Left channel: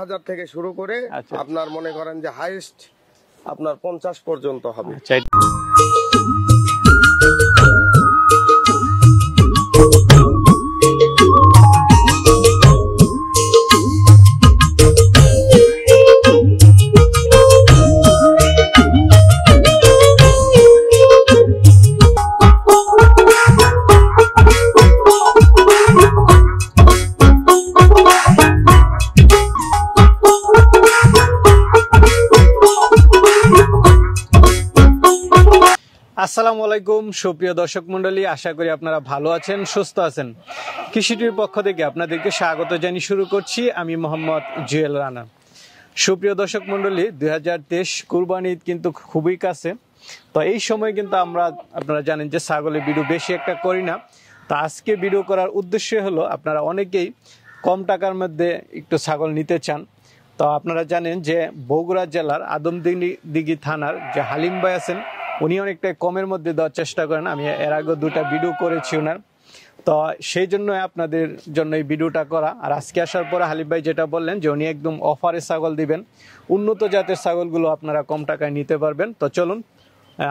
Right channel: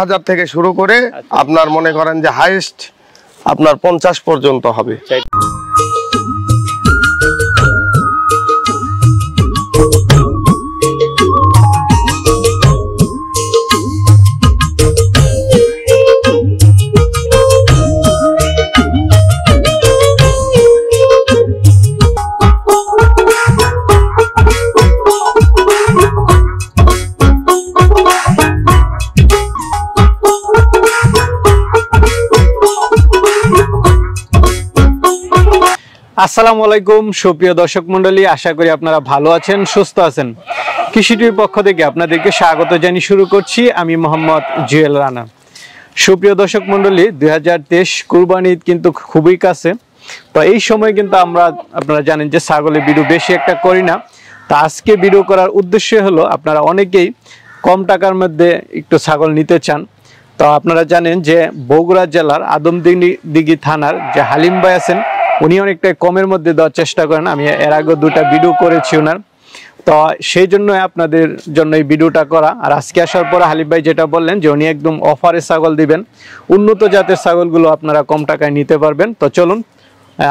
15,000 থেকে শুরু করে আপনার মনে করেন যে হাইয়েস্ট আপনার 50 পর্যন্ত হবে। আসসালামু আলাইকুম সুপ্রিয় দর্শক মণ্ডলী, আশা করি আপনারা ভালো আছেন, সুস্থ আছেন। কৃষিটির পক্ষ থেকে আপনাদেরকে স্বাগত জানিয়ে শুরু করছি আমি মোহাম্মদ জুয়েল রানা। সুপ্রিয় দর্শক মণ্ডলী, 2023 কুরবানি ঈদ কিন্তু খুবই কাছে। তো এই সময় কিন্তু আপনারা জানেন যে ছাগলের ভিডিও বেশি একটা করি না। তো আজকে ভিডিও করার উদ্দেশ্য হলো, আপনারা অনেকেই কম টাকার মধ্যে একটু ছাগল নিতে চান। তো আপনারা জানেন যে বগুড়া জেলার আদমদিঘি থানার যে হালিম ভাই আছেন, উনি অনেকটা কমের মধ্যে দেওয়ার চেষ্টা করেন। আমি এর আগে 2টা ভিডিও করেছি ওনার, তো সেই জন্য আপনাদের জন্য এই ভিডিওটা করা। আর আজকে আসার পর হালিম ভাই যেটা বললেন যে উনি একদম অফারে ছাগল দিবেন, উন্নত জাতের ছাগলগুলো আপনারা কম টাকায় নিতে পারবেন। তো চলুন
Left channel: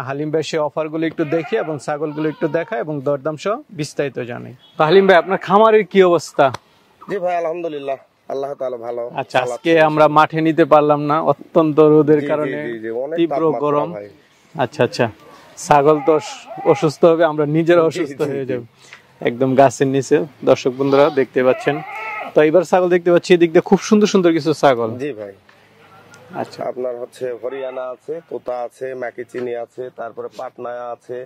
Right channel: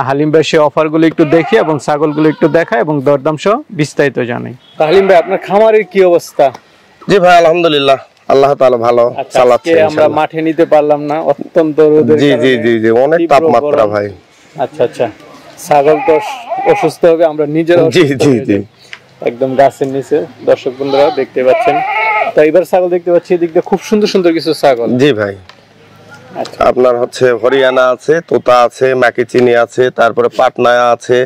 হালিম ভাই সেই অফারগুলো একটু দেখি এবং ছাগলগুলো একটু দেখায় এবং দরদাম সহ বিস্তারিত জানাই। তো হালিম ভাই, আপনার খামারের কি অবস্থা? জি ভাই, আলহামদুলিল্লাহ, আল্লাহ তাআলা ভালো চালাচ্ছে। আমরা মাঠে নিতে পারলাম না, অত্যন্ত রোদের কারণে। জি অনেক তাপমাত্রা ভাই। আচ্ছা, ছাগল তো অসুস্থ হবে, আমরা নিজেরা একদম গাছের নিচে দর্শক বন্ধুরা দেখতে পাচ্ছেন। তো এবার ছাগল দেখতে পাচ্ছি এদিক দিয়ে খুব সুন্দর সুন্দর কিছু ছাগল। জি ভাই, আপনার হচ্ছে হরিয়ানা আছে, তোতা আছে, মাকিচিনি আছে, তারপরে পাটনা আছে,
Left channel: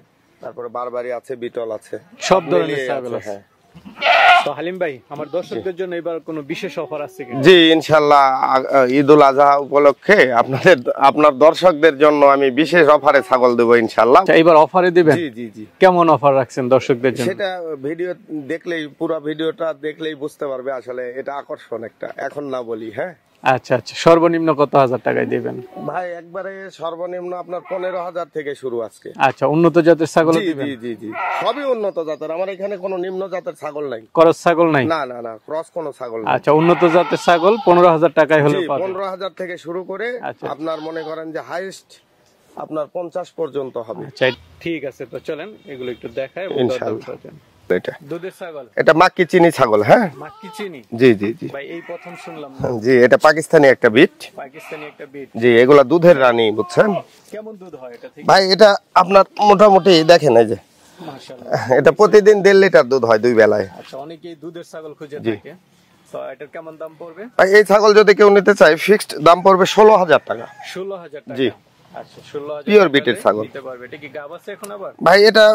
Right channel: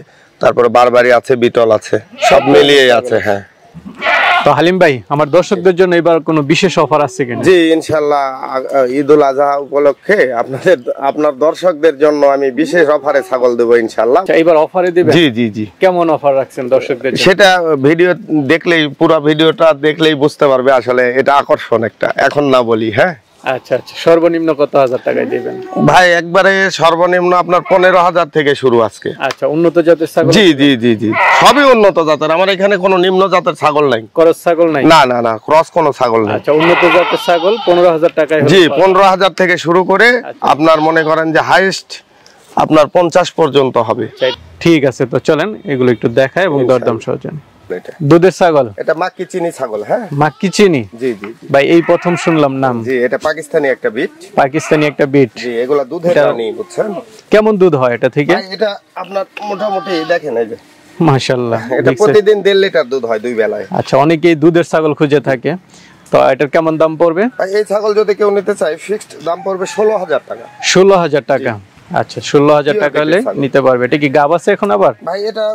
তারপরে বারবারি আছে, বিটল আছে, সব মিলিয়ে আছে। হ্যাঁ। তো হালিম ভাই, আমার দর্শকদের জন্য এবার কোনো বিশেষ অফার আছে কিনা? জি ইনশাআল্লাহ, ঈদুল আজহা উপলক্ষে আপনার দর্শকদের জন্য আমি বিশেষ অফারে ছাগল দেব ইনশাআল্লাহ। এবার অফারে দিবেন? জি। কেমন অফার রাখছেন দর্শকদের জন্য? সেটা ভিডিও দেখলেই, পুরো ভিডিওটা দেখলেই বুঝতে পারবে। আসলে এটা আকর্ষণ একটা, এখন না বলি। হ্যাঁ। আচ্ছা, সর্বনিম্ন কত হাজার টাকায় দিবেন ভাই? একবারে সর্বনিম্ন আপনার 15,000 থেকে শুরু আজকে। আচ্ছা, উন্নত জাতের ছাগল? জি সবই উন্নত জাতের। আমার এখানে কোনো নিম্ন জাতের ছাগল নাই, ক্রস ছাগল নাই? না ক্রস কোনো ছাগল নাই। আচ্ছা, উন্নত জাতের ছাগল 15,000 টাকায়? জি 15,000 থেকে শুরু করে আপনার মনে করেন যে হাইয়েস্ট আপনার 50 পর্যন্ত হবে। ঠিক আছে, তো চলেন এগুলো একটু দেখাই এবং দরদাম সহ জানি। দুধের ছাগল? এটা মাকিচিনি ছাগল। হ্যাঁ, মাকিচিনি। জি ভাই, এই প্রথম শুনলাম নাম। জি, এটা পাকিস্তানি একটা বিট। জি, এগুলা দুধের রানী, বুঝছেন? কেমন দুধ হয় এটা থেকে? ভাই এটা আপনার মোটামুটি দেখেন, এই যে মাশাআল্লাহ, এটা প্রতিদিন 1.5 লিটার দুধ হয় 2 বেলায়। আচ্ছা, অনেকেই দুধের ছাগল খুঁজে থাকে, তো এটার কেমন দাম পড়বে? ভাই এই ছাগল যদি কেউ নিতে চায়, ফিক্সড দাম পড়বে 16,000 টাকা। 16,000 টাকা? আচ্ছা, 16,000 টাকা হলে নিতে পারবে। এটা কি গাব আছে এখন আবার? ভাই এটা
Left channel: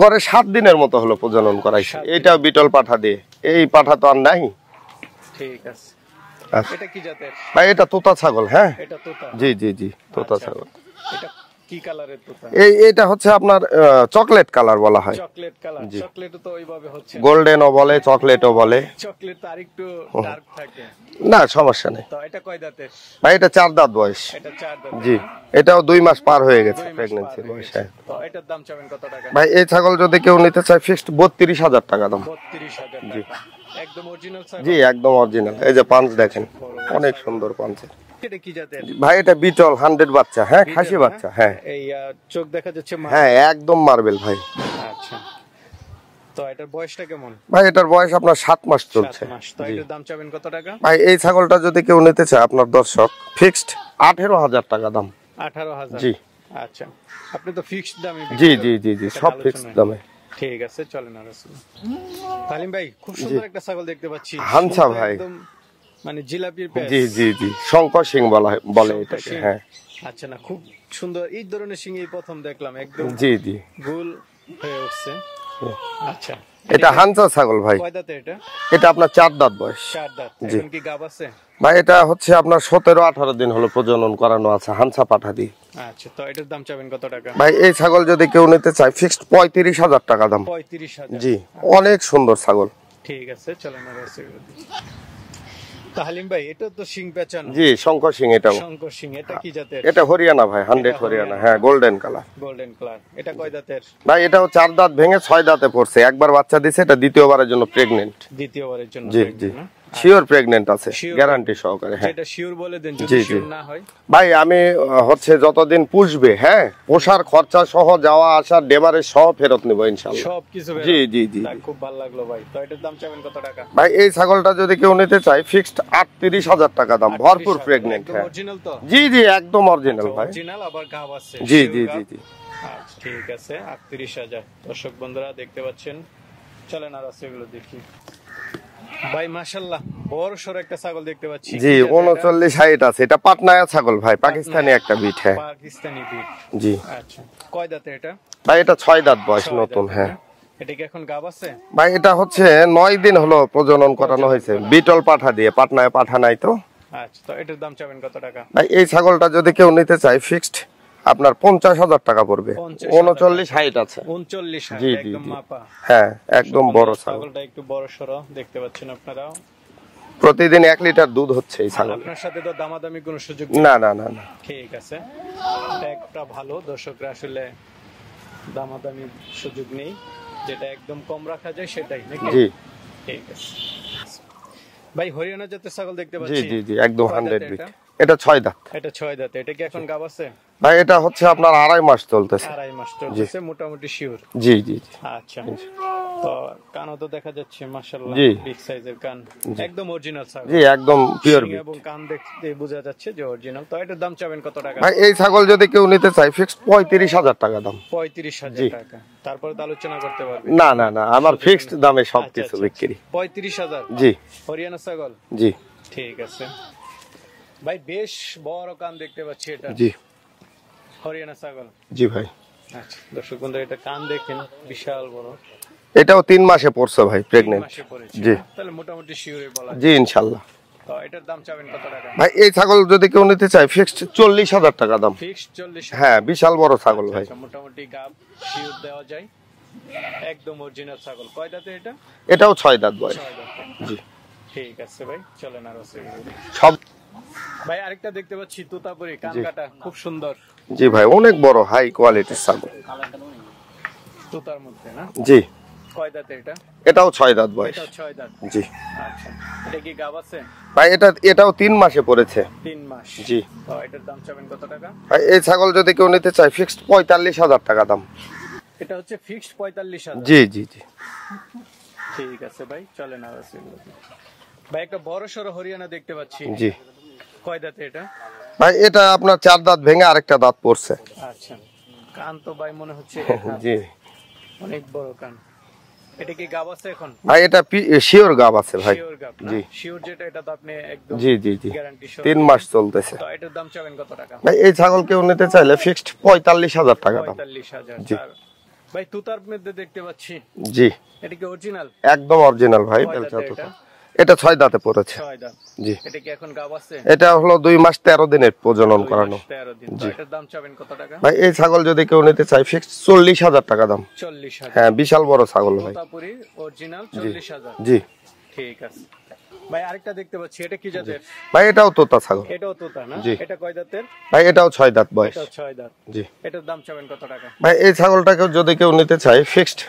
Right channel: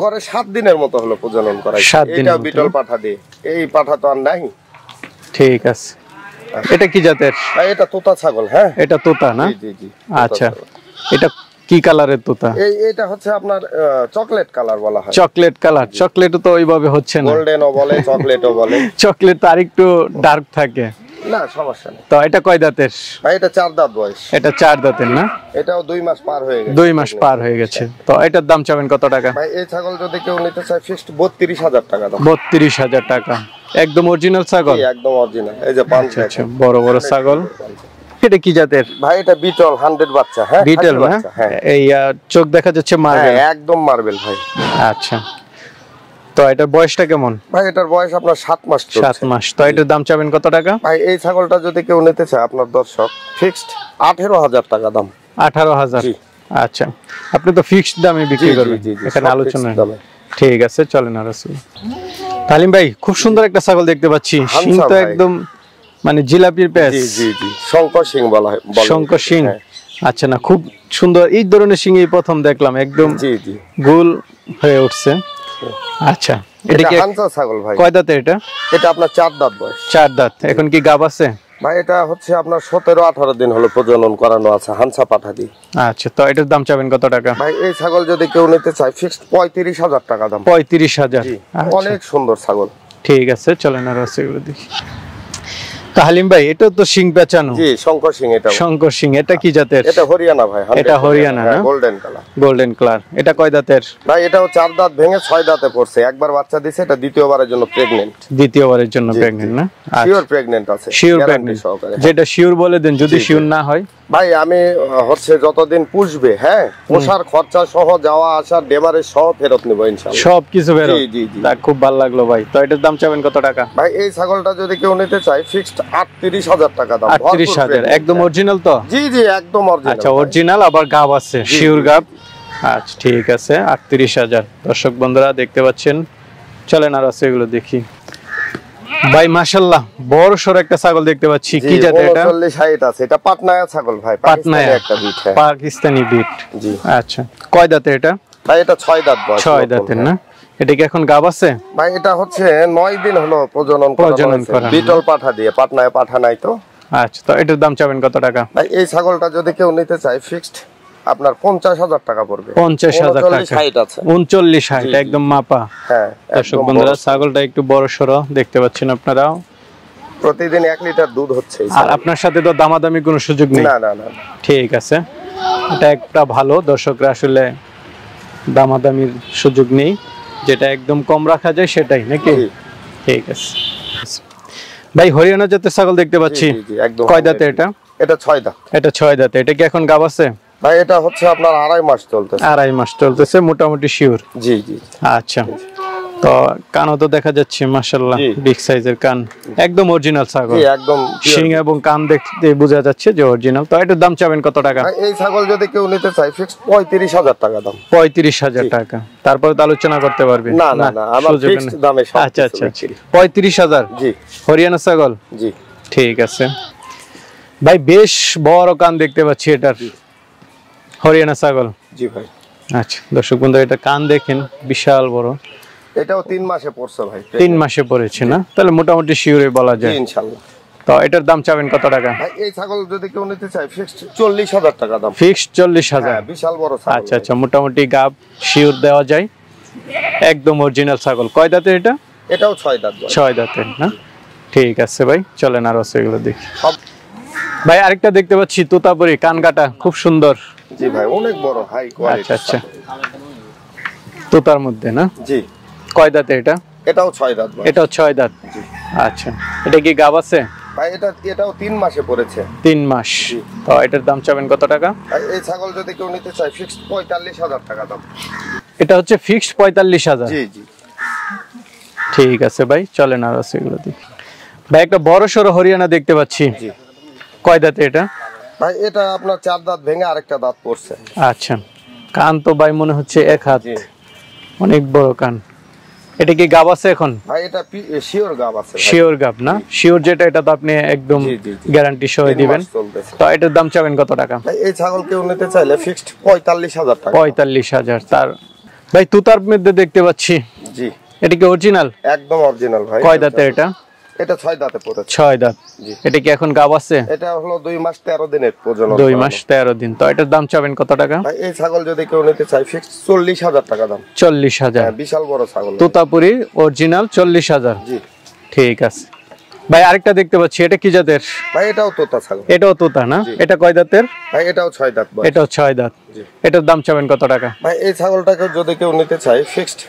গড়ে 7 দিনের মতো হলো প্রজনন করা। এটা বিটল পাঠা দিয়ে, এই পাঠা তো আর নাই। ঠিক আছে। এটা কি জাতের? ভাই এটা তোতা ছাগল। হ্যাঁ, এটা তোতা না? জি। আচ্ছা, এটা কি কালারের তোতা? এটা হচ্ছে আপনার চকলেট কালার বলা হয়। Chocolate colour? চকলেটও তো ওইভাবে হচ্ছে না, গোল্ডেনও বলে, চকলেটও বলে। চকলেট তো আরেকটু ডার্ক থাকে। না, সমস্যা নেই। তো এটা কয় দাঁতের? ভাই এটা 4 দাঁত বয়স। এটা 4 দাঁতের না? এটাও 2 মাস পার হয়ে গেছে। 2 মাস পার হয়ে গেছে। তো এটার দাম চাবেন কত টাকা? ভাই এই ছাগল যদি কেউ নিতে চায়, ফিক্সড 32,000 টাকা দাম। 32,000 টাকা? একদম অরিজিনাল ছাগল? জি, একদম অরিজিনাল। এই যে পাঁচ দেখেন, বড় বড় ছাগল। এটা কি জাতের? ভাই এটা বিটল 100 বাচ্চা। হ্যাঁ, বিটল না? এই চোখ দেখা যাচ্ছে মার্বেল। হ্যাঁ, একদম মার্বেল ভাই। আচ্ছা, তো এটার বয়সটা কেমন? ভাই এটার বয়স আপনার 7 মাস চলছে। 7 মাস। তো এটার দাম চাবেন কত টাকা? ভাই এই ছাগলটা যদি কেউ নিতে চায়, আপনার দর্শক, ফিক্সড 18,000 টাকা দাম। 18,000? জি। আচ্ছা, আপনি তো ফিক্সড দামে বিক্রি করবেন, এখানে আলোচনা। ঠিক আছে, চলেন। আর তালিম ভাই, খুব সুন্দর একটা ছাগল দেখতে পাচ্ছি, শিং তো একদম মানে জিলাপির পেঁচ। জি শঙ্কর শিং বলা হয়। শঙ্কর শিং? আচ্ছা, না খুব সুন্দর। এই ধরনের শিং এই প্রথম দেখলাম, একদম গোল হয়ে উঠছে। আচ্ছা, এটা হানসা ছাগল ভাই। কয় দাঁতের এটা? এটা আপনার 4 দাঁত বয়স। 4 দাঁত। এখন কি গাব আছে? ভাই এটা হচ্ছে আপনার 17-18 দিন হলো প্রজনন করানো আছে, হানসা পাঠা দিয়ে। আচ্ছা, তো এটার দাম চাবেন কত টাকা? ভাই এই ছাগল যদি কেউ নিতে চায়, ফিক্সড 35,000 টাকা দাম। 35,000? জি, অনেক সুন্দর ছাগল। ঠিক আছে, চলেন আর এগুলো দেখি। তো হালিম ভাই এটা তো সিং পেঁচানো। জি, শঙ্কর সিং। এটা শঙ্কর সিং। এটা কি জাতের? এটা হরিয়ানা ভাই। এটা হরিয়ানা না? Golden colour. Golden colour. এটা কয় দাঁতের ভাই? এটাও 4 দাঁত ভেঙে 6 দাঁতে পড়ছে। একবার বাচ্চা দিছে, এটা দ্বিতীয়বারের জন্য প্রেগন্যান্ট। দ্বিতীয়বারের জন্য প্রেগন্যান্ট না? শিওর প্রেগন্যান্ট আছে, গ্যারান্টি সহকারে। যেটা শিওর বলে দেন, যদি শিওর না হয় ভাই আমি হচ্ছে যতদিন পুষবে, হ্যাঁ, পোষার খরচা সহ যাওয়া আসা ডেমারে সহ ফেরত নেব ইনশাআল্লাহ। সবকিছু ফেরত? জি জি জি। খুব ভালো লাগলো ভাই। তো এটার দাম চাবেন কত টাকা? ভাই এই ছাগলটা যদি কেউ নিতে চায় ফিক্সড ৩৮,০০০ টাকা দাম। ৩৮,০০০? একদম অরিজিনাল তো? জি জি, একদম অরিজিনাল। আচ্ছা, অরিজিনাল আবার গাব আছে, শিওর গাব। আচ্ছা ঠিক আছে, ৩৮,০০০। দর্শক বন্ধুরা দেখতে পাচ্ছেন। চলেন আর আছে এগুলো দেখি। ভাই মাশাআল্লাহ বড় সর একটা ছাগল দেখতে পাচ্ছি। কি জাত এটা? 39 আছে। এটা পাটনায়া ছাগল ভাই, পাকিস্তানি একটা বিট। হ্যাঁ, পাকিস্তানি বিট। জি। আচ্ছা, কয় দাঁতে এটা? ভাই এটা 6 দাঁত বয়স। 6 দাঁতের না? এটা কি এখন গাব আছে? ভাই এটা হচ্ছে 9 দিন হলো প্রজনন করা হয়েছে বিটল পাঠা দিয়ে। পাটনায়া পাঠা নাই তো। আচ্ছা, তো এটার দাম চাবেন কত টাকা? ভাই এই ছাগলটা যদি কেউ নিতে চায় ফিক্সড আপনার 50,০০০ টাকা পড়বে। 50,০০০ টাকা। 39,60 আছে। 39,60 একদম মাপা। হ্যাঁ, দর্শক বন্ধুরা ছাগলটা একটু বড় সরো দেখতে পাচ্ছেন আপনারা। প্রতিদিন 1 লিটার দুধ হচ্ছে। আর আপনার সাথে তো দামাদামি কোনো সুযোগ নেই? না না না। ঠিক আছে, এটা একটা ভালো। দর্শকরা আসলে দামাদামির সুযোগ নেই, যেটা একদম কম রাখা যায় সেটাই নাকি? ঠিক আছে ভাই। হরিয়ানা জাতের ছাগল দেখতে পাচ্ছি। কয় দাঁতে এটা? এটা 6 দাঁত। এটা 6 দাঁতে। এটা কি এখন গাব আছে? ভাই এটা হচ্ছে আপনার 2.5 মাস চলতেছে। 2.5 মাস চলতেছে মোটামুটি শিওর? জি জি। আচ্ছা, তো কানও তো দেখা যাচ্ছে মাশাআল্লাহ, বিগ সাইজের কান, একদম অরিজিনাল ছাগল। জি, একদম শিং এবং কান দেখতে বোঝা যাচ্ছে যে অরিজিনাল। তো এটার দাম চাবেন কত টাকা? ভাই এই ছাগল যদি কেউ নিতে চায় ফিক্সড 35,০০০ টাকা দাম। 35,০০০ টাকা। তারপরে তো আলোচনা করতে পারবে? না না না, আমার ফিক্সড দামে সব। আচ্ছা আচ্ছা, 35,০০০? জি। হরিয়ানা ছাগল? জি। ঠিক আছে ভাই, বেশ বড় কান দেখতে পাচ্ছি এটার। হরিয়ানা ছাগল? জি ভাই। আচ্ছা দর্শক বন্ধু, এটা কান দেখেন, বিশাল বড়। এটাও 3 মাসে পড়ছে ভাই। 3 মাসে পড়েছে না? তাহলে মোটামুটি শিওরই বলা যায়। জি ইনশাআল্লাহ। তো এটার দাম চাবেন কত টাকা? ভাই এই ছাগল যদি কেউ নিতে চায় ফিক্সড 40,০০০ টাকা দাম। ফিক্সড 40,০০০? হ্যাঁ, বিশাল বড় ছাগল। আচ্ছা আচ্ছা, মোটামুটি গাব শিওর দেওয়া যায়, একদম অরিজিনাল ছাগল। কয় দাঁতের এটা? এটাও 6 দাঁত। 6 দাঁতের না? ঠিক আছে ভাই, চলেন আর আছে এগুলো দেখি। ভাই আরেকটা দেখতে পাচ্ছি তোতাপুরি, কান কাটা, খুব সুন্দর। জি ভাই, অনেক বড়, হাই কোয়ালিটি। আচ্ছা, তোতার মধ্যে না? জি। কয় দাঁতে এটা? এটাও 6 দাঁত। এটাও 6 দাঁত? জি। আচ্ছা, এটা কি গাব আছে? ভাই এটাও 3 মাসে পড়েছে। 3 মাস? জি। তো এটার দাম চাবেন কত টাকা? এই ছাগল যদি কেউ নিতে চায় ফিক্সড 45,০০০ টাকা দাম। এটা হচ্ছে ফিক্সড 45,০০০? জি জি জি। ঠিক আছে ভাই, চলেন আর আছে এগুলো দেখি। ভাই একটা বড় সরো হরিয়ানা দেখতে পাচ্ছি। জি। কয় দাঁতে এটা? ভাই এটা আপনার 4 দাঁত ভেঙে আরেকটা দাঁত পড়ছে। আচ্ছা, কান তো ভাই মনে হচ্ছে 1 হাত, অনেক বড় কান। এটা কি গাব আছে এখন? ভাই এটা শিওর গাব আছে ভাই। শিওর গাব না? শিওর যেটা, এটা তো আপনি একদম গ্যারান্টি সহ দিবেন। তো এটার দাম চাবেন কত টাকা? ভাই এই ছাগল কেউ নিতে চাইলে ফিক্সড 45,০০০ টাকা। 45,০০০? তার ভাই তুতার মধ্যে দেখতে পাচ্ছি। জি। এটা কি অরিজিনাল? একদম অরিজিনাল ভাই। কয় দাঁতে এটা? এটা 6 দাঁতে পড়েছে। 6 দাঁত? জি। এটা কি এখন গাব আছে? এটা হলো 2 মাস 13 দিনের প্রজনন। 2 মাস 13 দিন। তো এটার দাম চাবেন কত টাকা? ভাই এই ছাগল যদি কেউ নিতে চায় ফিক্সড 40,০০০ টাকা দাম। 40,০০০? হ্যাঁ, বিশাল বড় ছাগল। তোতাপুরি অরিজিনাল 40,০০০? জি। ঠিক আছে ভাই। আরেকটা দেখতে পাচ্ছি, এটা কি জাতের? ভাই এটাও তোতা ছাগল। এটাও তোতা না? এটা কয় দাঁতের? ভাই এটাও 6 দাঁত বয়স। এটাও 6 দাঁত? জি। এটার দাম চাবেন কত টাকা? ভাই এই ছাগলটাকে যদি কেউ নিতে চায় ফিক্সড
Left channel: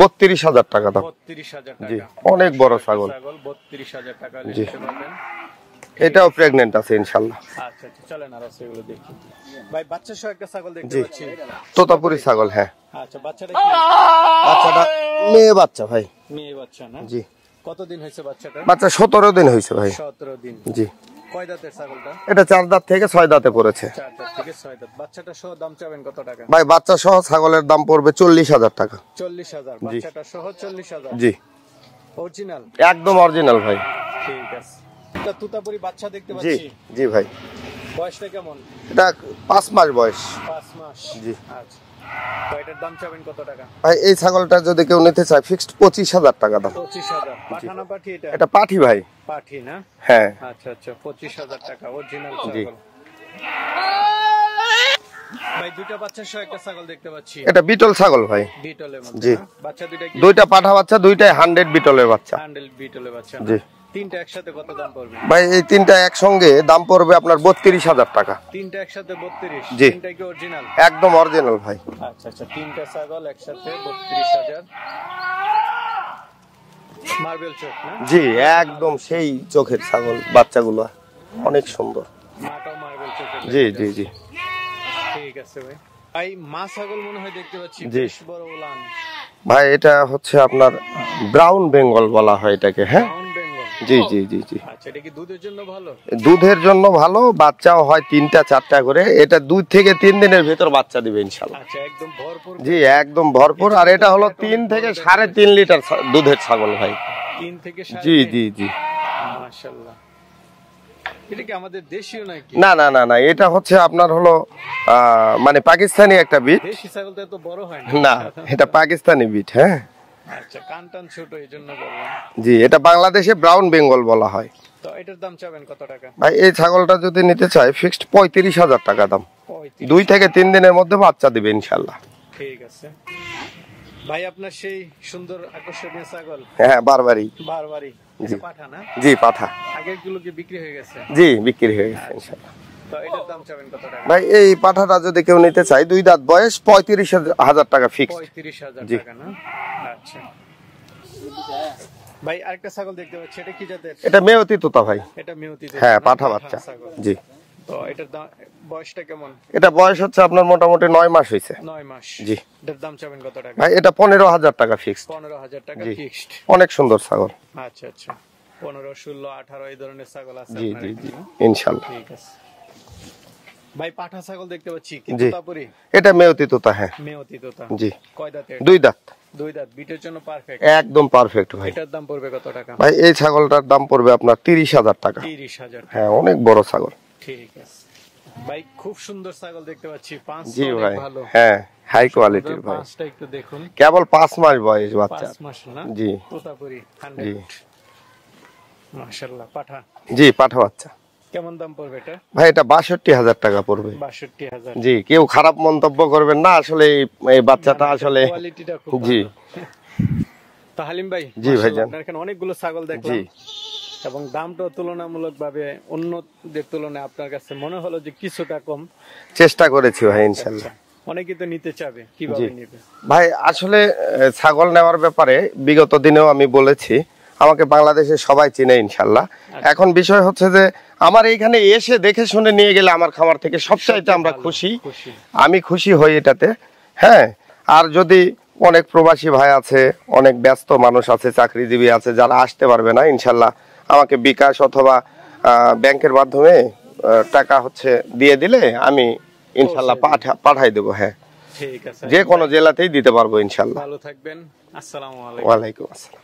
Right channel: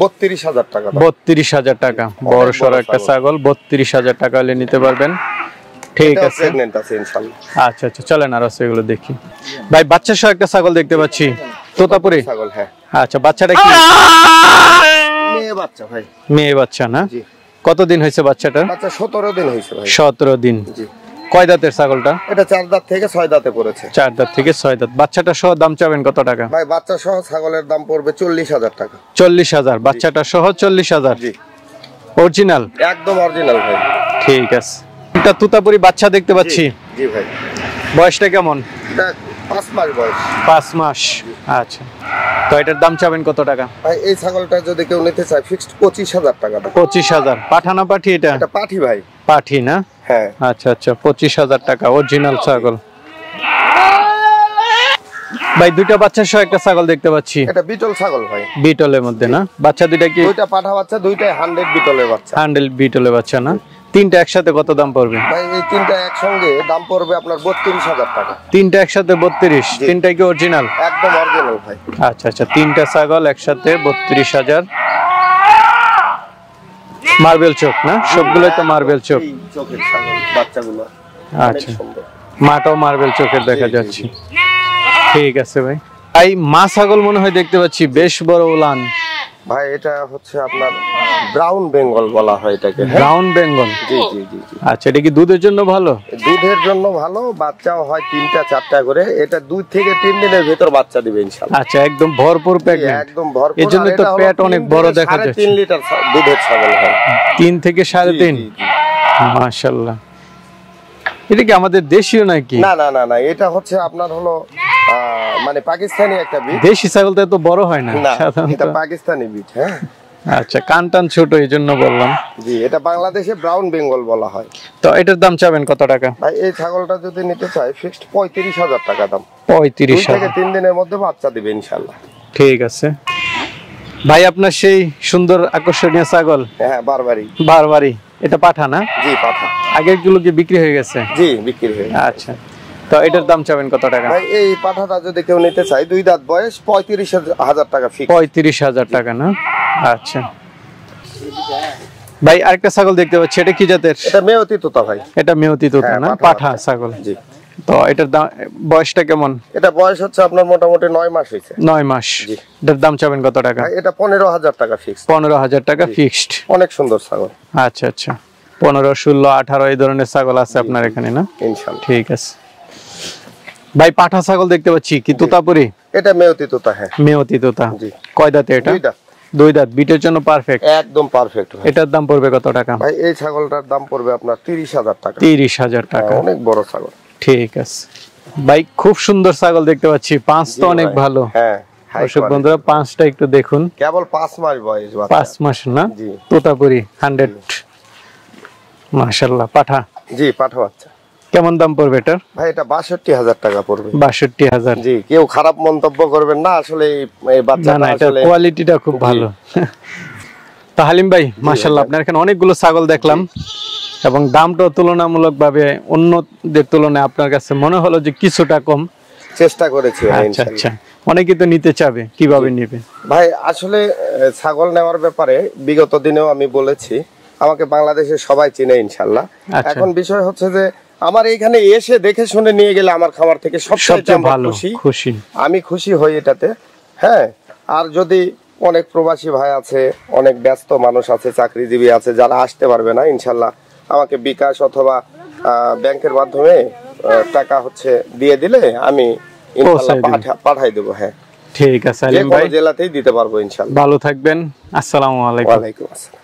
32,০০০ টাকা দাম। 32,০০০ টাকা? বড় সরো একটা ছাগল, 32,০০০ টাকা হলে নিতে পারবেন। ঠিক আছে, প্রেগন্যান্ট আছে ইনশাআল্লাহ। আচ্ছা আচ্ছা, চলেন আর আছে এগুলো দেখি। ভাই বাচ্চা সহ একটা ছাগল দেখতে পাচ্ছি, তোতাপুরি ছাগল। হ্যাঁ। আচ্ছা, বাচ্চাটা কি? মেয়ে বাচ্চা ভাই। মেয়ে বাচ্চা না? জি। কতদিন হয়েছে বাচ্চাটা? বাচ্চা 17 দিন হয়েছে ভাই। 17 দিন? জি। কয় দাঁতের ছাগলটা? এটা 4 দাঁত থেকে 6 দাঁতে পড়েছে। 4 দাঁত থেকে 6 দাঁত। বাচ্চাটা সহ দাম চাবেন কত টাকা? ভাই বাচ্চা সহ ছাগলের দাম পড়বে 40,০০০ টাকা। 40,০০০? বাচ্চাটা সহ 40,০০০? জি। অরিজিনাল? একদম অরিজিনাল ভাই। ঠিক আছে। এটা তুতাপুরি বাচ্চা দেখতে পাচ্ছি। জি ভাই। বয়সটা কেমন? এটা 5 মাস বয়স। 5 মাস? আচ্ছা, তো এটার দাম চাবেন কত টাকা? ভাই এই ছাগলটা যদি কেউ নিতে চায় ফিক্সড 25,০০০ টাকা দাম। 25,০০০? পাঠানা পাঠি এটা? এটা পাঠি ভাই। পাঠি না? হ্যাঁ। আচ্ছা আচ্ছা, 25,০০০ টাকা অরিজিনাল ছাগল। ভাই দুইটা বাচ্চা সহ একটা ছাগল দেখতে পাচ্ছি। এটা বিটল ছাগল ভাই। বিটলের মধ্যে না? বাচ্চা দুইটা কি? দুইটা পাঠা বাচ্চা, দুইটাই 100 বিটলের বাচ্চা। 100 বিটলের বাচ্চা না? তিনটা একসাথে কত দাম পড়বে ভাই এই তিনটা একসঙ্গে দাম পড়বে আপনার 32,000 টাকা। তিনটা একসাথে 32? তিনটা কি অরিজিনাল? একদম অরিজিনাল ভাই। আচ্ছা আচ্ছা, তিনটা ছাগল একসাথে 32,000। মার্বেল চোখ না? সবগুলো তো মার্বেল চোখ। চোখের ছাগল বাচ্চাগুলো অনেক সুন্দর, মাটাও মার্বেল চোখের দেখা যাচ্ছে। ঠিক আছে ভাই। এই মা ছাগল মনে হয় দেখতে পাচ্ছি বেশ বড় উলান। ভাই এটা হচ্ছে আপনার ব্রাউন বেঙ্গল বলা হয় এটাকে। ব্রাউন বেঙ্গল? জি জি জি জি। আচ্ছা, এটা কি দুধের জন্য ভালো? দুধের জন্য ভালো, বাচ্চাও হয় 3টা 4টা করে। এটা 2 থেকে 3 দিনের ভিতর বাচ্চা দিবে ইনশাআল্লাহ। আচ্ছা, একদম ভরপুর প্যাকেট। একদম ভরপুর। আর এটা হলো পেট অনেক বড় দেখা যাচ্ছে। 3.5 লিটার দুধের ছাগল হয়। 3 থেকে 3.5? জি জি। মাশাআল্লাহ। এটা কি আমাদের দেশীয় নাকি? না না না না, এটা হচ্ছে আপনার হলো মানে পাকিস্তানি একটা বিট। দেশি ছাগল তো এত বড় হয় না। না, এটা পাকিস্তানি বিট। হ্যাঁ আচ্ছা, কানটান ছোট এই জন্য বললাম। জি, এটা বাংলাদেশে ব্রাউন বেঙ্গল বলা হয়। তো এটার দাম চাবেন কত টাকা? ভাই এই ছাগলটা যদি নিতে চাই ফিক্সড 35,000 টাকা দাম। 35? 2 থেকে 3 দিনের মধ্যে বাচ্চা দিবে ইনশাআল্লাহ। ঠিক আছে ভাই, আপনার সেই সুন্দর আকর্ষণীয় ছাগল। হ্যাঁ, বারবারি। এটা পাঠা না? জি, পাঠা। আগের গুলো কি বিক্রি হয়ে গেছে? জি, বিক্রি হয়ে গেছে। আচ্ছা, তো এটার দাম চাবেন কত টাকা? ভাই এই পাঠাটা যদি কেউ নিতে চায় 2 দাঁত বয়স 35,000 টাকা ফিক্স। 35,000 টাকা না? আচ্ছা ভাই, আরেকটা ছাগল দেখতে পাচ্ছি, এটা কি জাতের? এটা মেয়তি তোতা ভাই। এটা মেয়তি তোতা না? পাঠা ছাগল। জি। তো এটার দাম, বয়সটা কেমন? এটা বয়স হচ্ছে আপনার মোটামুটি 9 মাস হইছে। 9 মাস? জি। এটার দাম চাবেন কত টাকা? ভাই এটা 15,000 টাকা ফিক্স। 15,000 টাকা ফিক্সড। অনেক সুন্দর ছাগল। আচ্ছা আচ্ছা, 15, 16, 18 এই ধরনের ছাগল আছে আপনার এখানে না? ইনশাআল্লাহ। ঠিক আছে ভাই, পাঠা ছাগল দেখতে পাচ্ছি, কি তোতাপুরি? এটা মেয়তি তোতা। হ্যাঁ, মেয়তি তোতা। জি। কয় দাঁতে এটা? 2 দাঁত। 2 দাঁত, বিটের জন্য পারফেক্ট। একদম পারফেক্ট ভাই। এটার দাম পড়বে কত টাকা? ভাই এই ছাগলটার দাম পড়বে আপনার 30,000 টাকা। 30,000 টাকা? অনেক বড় ছাগল। ঠিক আছে ভাই, খুব সুন্দর ছাগল দেখতে পাচ্ছি। 5 তো অনেক ভালো। হ্যাঁ, হাই কোয়ালিটি। বন্ধুরা 5টা একটু দেখুন। কেবল 5 মাস বয়স বাচ্চা। 5 মাস না? জি। তোতাপুরি 100। মাশাআল্লাহ। পাঠা? জি, পাঠা বাচ্চা। কেমন দাম পড়বে এটার? ভাই এটা 62,000 টাকা পড়বে। 62,000? জি, কেউ খারাপ মন্তব্য করবেন না, আসলে এই বাচ্চাটা আসলে কোয়ালিটিটা খুব ভালো। তো হালিম ভাই, মাশাআল্লাহ, আপনার এখানে অনেকগুলো ছাগল দেখলাম এবং দামটাও তুলনামূলকভাবে অন্যদের তুলনায় আপনার কাছে মনে হলো যে কিছুটা কম। চেষ্টা করেছি ভাই। আচ্ছা আচ্ছা, অনেকেই তো নিতে চাবে, কিভাবে নেবে? ভাই আসলে ছাগল নেওয়ার ব্যাপারে বিগত দিনেও আমি বলেছি, আমাকে বাংলাদেশে সবাই চিনে ইনশাআল্লাহ। এখন বিষয় হচ্ছে যে আমার এইখানে এসে দেখে শুনে নিয়ে গেলে আমার খামার থেকে সবচেয়ে ভালো খুশি আমি খুশি হই এটাতে। হ্যাঁ, আর যদি অনেক প্রবাসী ভাই আছে, অনেক ব্যস্ত মানুষ আছে, চাকরিজীবী আছে, যারা আসতে পারবে না, ইনশাআল্লাহ আমাকে বিকাশ অথবা ব্যাংকের মাধ্যমে টাকা হচ্ছে দিয়ে দিলে আমি ইনশাআল্লাহ পাঠাই দেব। হ্যাঁ, ঠিক আছে, যে কোনো জেলাতেই দিতে পারবো ইনশাআল্লাহ। ভালো থাকবেন। আসসালামু আলাইকুম। ওয়া আলাইকুম আসসালাম।